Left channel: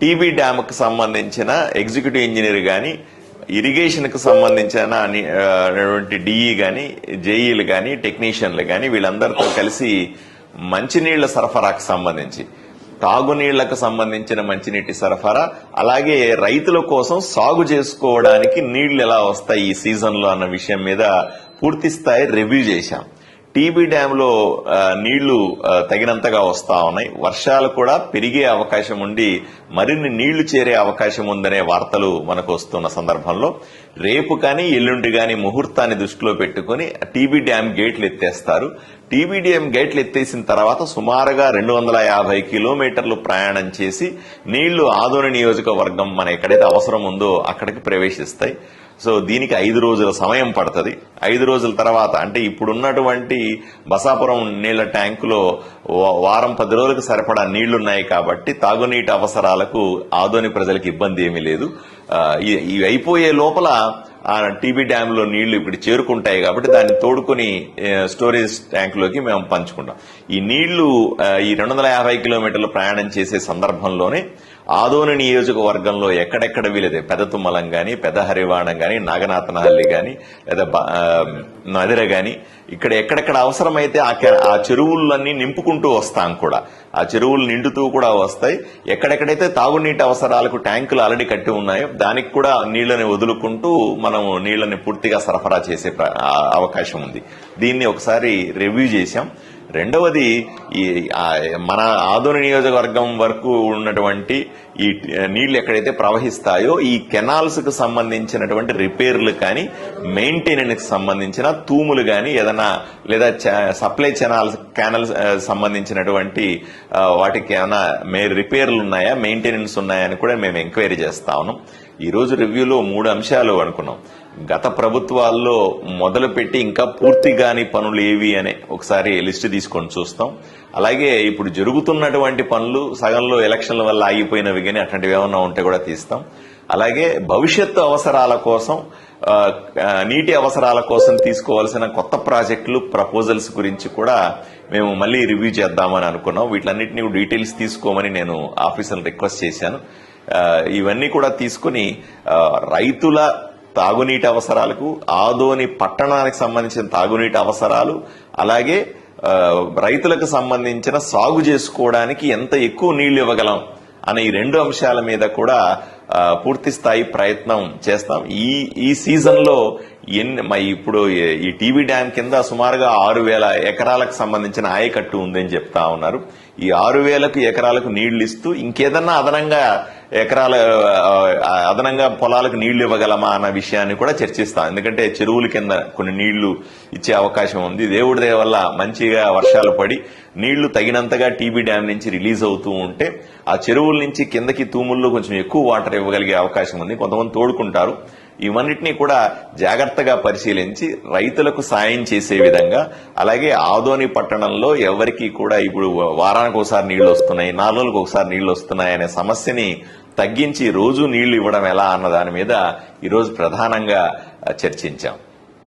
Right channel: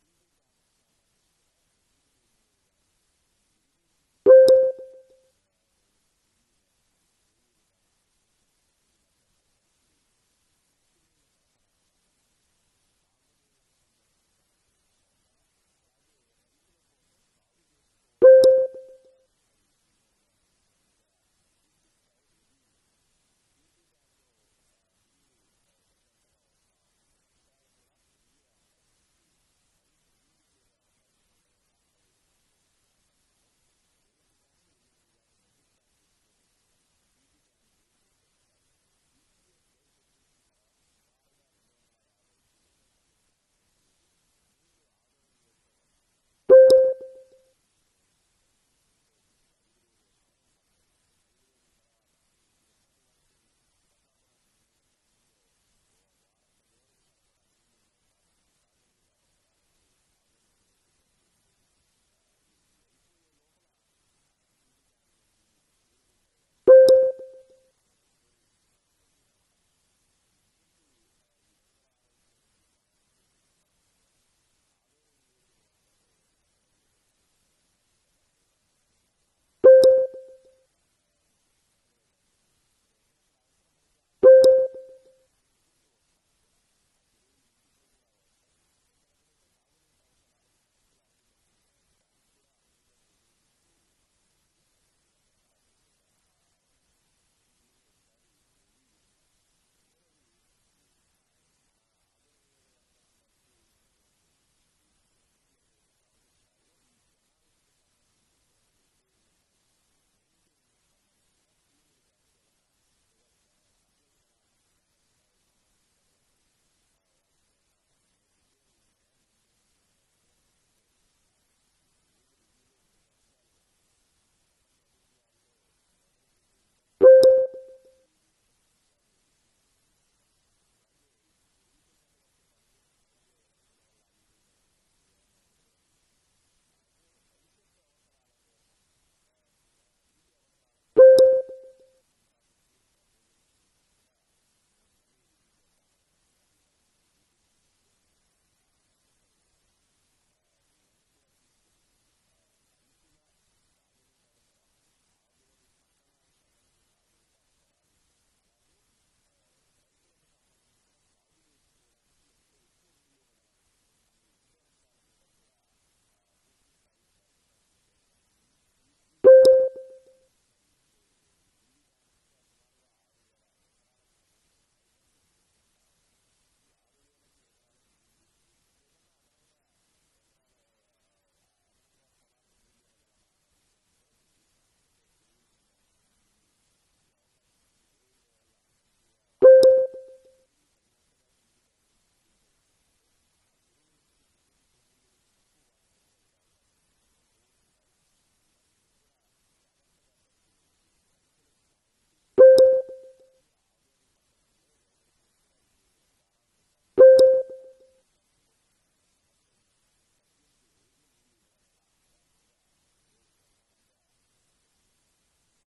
TB డ్యామ్కి సంబంధించిన executive engineer కానీ ఇరిగేషన్కి సంబంధించిన అని- డిఈ కానీ జేఈలు కానీ టెక్నీషియన్లు కానీ వీళ్ళందరితో కలిసి మంచినీళ్ళ సరఫరాకు సంబంధించి తాగునీళ్ళకు సంబంధించిన మంచినీటి సరఫరా అలాగే రైతుల కోసం సాగు చేసుకోవడానికి నీళ్ళు ఎలా వస్తాయి ఈ సీజన్లో అన్న విషయం మీద పూర్తి స్థాయి రివ్యూ చేశాం. టీబీ డ్యాంలో నీళ్ళు తగినంతగా వస్తా ఉన్నాయి. వర్షాలు కూడా పెరిగే అవకాశం ఉండి మరిన్ని నీళ్ళు చేరే అవకాశం ఉందనే వార్తలు మనకు వస్తున్న సందర్భంలో రేపు కానీ ఎల్లుండి కానీ ముహూర్తాన్ని దృష్టిలో పెట్టుకుని టీబీ డ్యామ్ గేట్లు ఎత్తేస్తారు. టీబీ డ్యామ్ గేట్లు ఎత్తేసిన తర్వాత సుమారుగా రెండు వందల యాభై కిలోమీటర్లు ప్రయాణం చేసి నీళ్ళు ఆదోని నియోజకవర్గం మన ఎక్కడైతే అవసరం ఉందో అక్కడికి ప్రవేశిస్తాయి. సో దీనికి ఐదు రోజుల సమయం పడుతుంది. ఐదు రోజుల తర్వాత అంటే ఇప్పుడున్నటువంటి బసాపురం నీళ్ళ ట్యాంకులో వారం పది రోజులకు సరిపడా నీళ్ళున్నాయి కాబట్టి తాగునీటి అవసరాలకు ఆదోని ప్రజలకు ఇబ్బంది ఏమీ లేదు. ఇవి అయిపోయే లోపల ఆ టీబీ డ్యామ్లో నీళ్ళు ఇప్పుడు చేరుకుంటాయి కాబట్టి దాన్ని తోడుకొని స్టోరేజ్ ట్యాంక్లోకి మేము పంచుకుంటాం. ఈ నీళ్ళు ఈ రెండు వందల యాభై కిలోమీటర్లు ప్రయాణం చేసే సందర్భంలోనే ఆదోని నియోజకవర్గంలో ఎక్కడెక్కడ వీలైతే పెద్ద తుమ్మలం కానీ పెద్ద హరివాణం కానీ నాగనాథనహల్లి కానీ లేదా బ- నదిర కానీ ఇక్కడ ఎక్కడెక్కడ అవసరమైతే ఆ ఆ చెరువులన్నీ నింపుకుంటూ వస్తాం కూడా. ఆ చెరువులు నిండుతూ కూడా వస్తాయి. ఎక్కడెక్కడైతే తాగునీటి అవసరాలకు ట్యాంకులు ఆల్రెడీ కట్టి ఉన్నాయో దానికి కూడా నీళ్ళని వదులుకుంటూ మనం నీళ్ళని పూర్తిగా సరఫరా చేసే అవకాశం ఉంది. దీన్ని ఒకసారి రివ్యూ చేశాం. రెండవది ఈ మన ఆధునిక నియోజకవర్గం వరకు ఉన్నటువంటి ఈ నీళ్ళు ఎక్కడైతే ప్రవహిస్తాయో ఈ కెనాల్స్కు సంబంధించినటువంటి రిపేర్లు కానీ మెయింటెనెన్స్కి సంబంధించిన తూములు కానీ ఏదైనా లేదా చ- సప్లై కెనాల్స్ కెనాల్స్ సంబంధించినటువంటి వాటికి ఏమైనా మే రిపేర్లు ఉన్నాయా మెయింటెనెన్స్ ఉన్నాయా అని కూడా మేము ఎంక్వైరీ చేస్తా ఉన్నాం. రివ్యూలో మూడు అంశాలు అనుకున్నాం. గత ప్రభుత్వాల్లో మొదలుపెట్టి ఇంకా పూర్తి కాని పనులు ఏవి అనే ఒకసారి లిస్ట్ తీసుకొని చూస్తాం. అలాగే ఇప్పుడు జరుగుతున్నటువంటి పనులు సగంలో ఎలక్షన్ల వల్ల ఆగిపోయినవి కానీ అట్లాంటివి ఏమన్నా ఉంటే కూడా తీస్తాం. అలాగే భవిష్యత్తు అవసరాల కోసం నీటి అవసరాల కోసం తీసుకోవాల్సిన కొత్త ప్రాజెక్టులు ప్రపోజల్స్ గురించి కూడా మేము మళ్ళీ రివ్యూ చేద్దామని అనుకున్నాం. వీటిలన్నింటినీ డీటెయిల్స్ తీసుకోమని నేను ఆఫీసర్లు రిక్వెస్ట్ చేశాను. ఇవన్నీ కూడా తీసుకుని రైతుల తాగునీటి అవసరాలకు ఆదోని పట్టణానికి సంబంధించిన తాగునీటి అవసరాలు అలాగే రైతులకు సంబంధించిన సాగు చేసుకోవడానికి ఎంత ఎక్కువ నీళ్ళు ఇవ్వగలం అనే ఈ రెండు అంశాల మీద కూడా పూర్తి స్థాయి ప్రయత్నం చేస్తాం. ఈ ఈ సీజన్లో ఎన్ని మరి ఇప్పుడు ఈ- టీవీ డ్యామ్ కింద సుమారుగా ఆరు వేల ఎకరాలకు సంబంధించిన ఆయకట్టు ఉందని చెప్తా ఉన్నారు. ఈ ఆరు వేలకు ఎకరాలకు నీళ్ళు ఇస్తూ ఇంకేదన్నా అదనంగా ఎకరాల అదనంగా పొలాలకు నీళ్ళు ఇవ్వగలమా అన్న విషయాన్ని కూడా చర్చిస్తాం. ఎందుకంటే చెరువుల కింద కొన్ని నీళ్ళు ఇచ్చే అవకాశం ఉంది. దేవుడి దయ వల్ల మంచిగా వర్షాలు పడి నీళ్ళు తగినంతగా టీబీ డ్యామ్ నుంచి రిలీజ్ అవుతూ ఉంటే ఆ చెరువుల నుంచి కిందకి తూముల్లో కొంచెం ఎక్కువ వాటర్ ఇవ్వగలిగే అవకాశం ఉంది. కొంతమంది తోడుకుంటారు. ఇవన్నిటినీ కూడా జాగ్రత్తగా పరిశీలించి రైతులకు సాయం చేసే విధంగా అలాగే ఆదోని పట్టణంలో ఎవరికి కూడా ఇప్పుడు వారానికి ఒకసారి నీళ్ళు వస్తున్నాయి నాలుగు ఒకసారి నీళ్ళు వస్తున్నాయి అనే సమస్యని తగ్గించి రోజు నీళ్ళు ఇవ్వడం ఎలా అన్న దాని మీద ఈరోజు ప్రధానంగా చర్చించాం.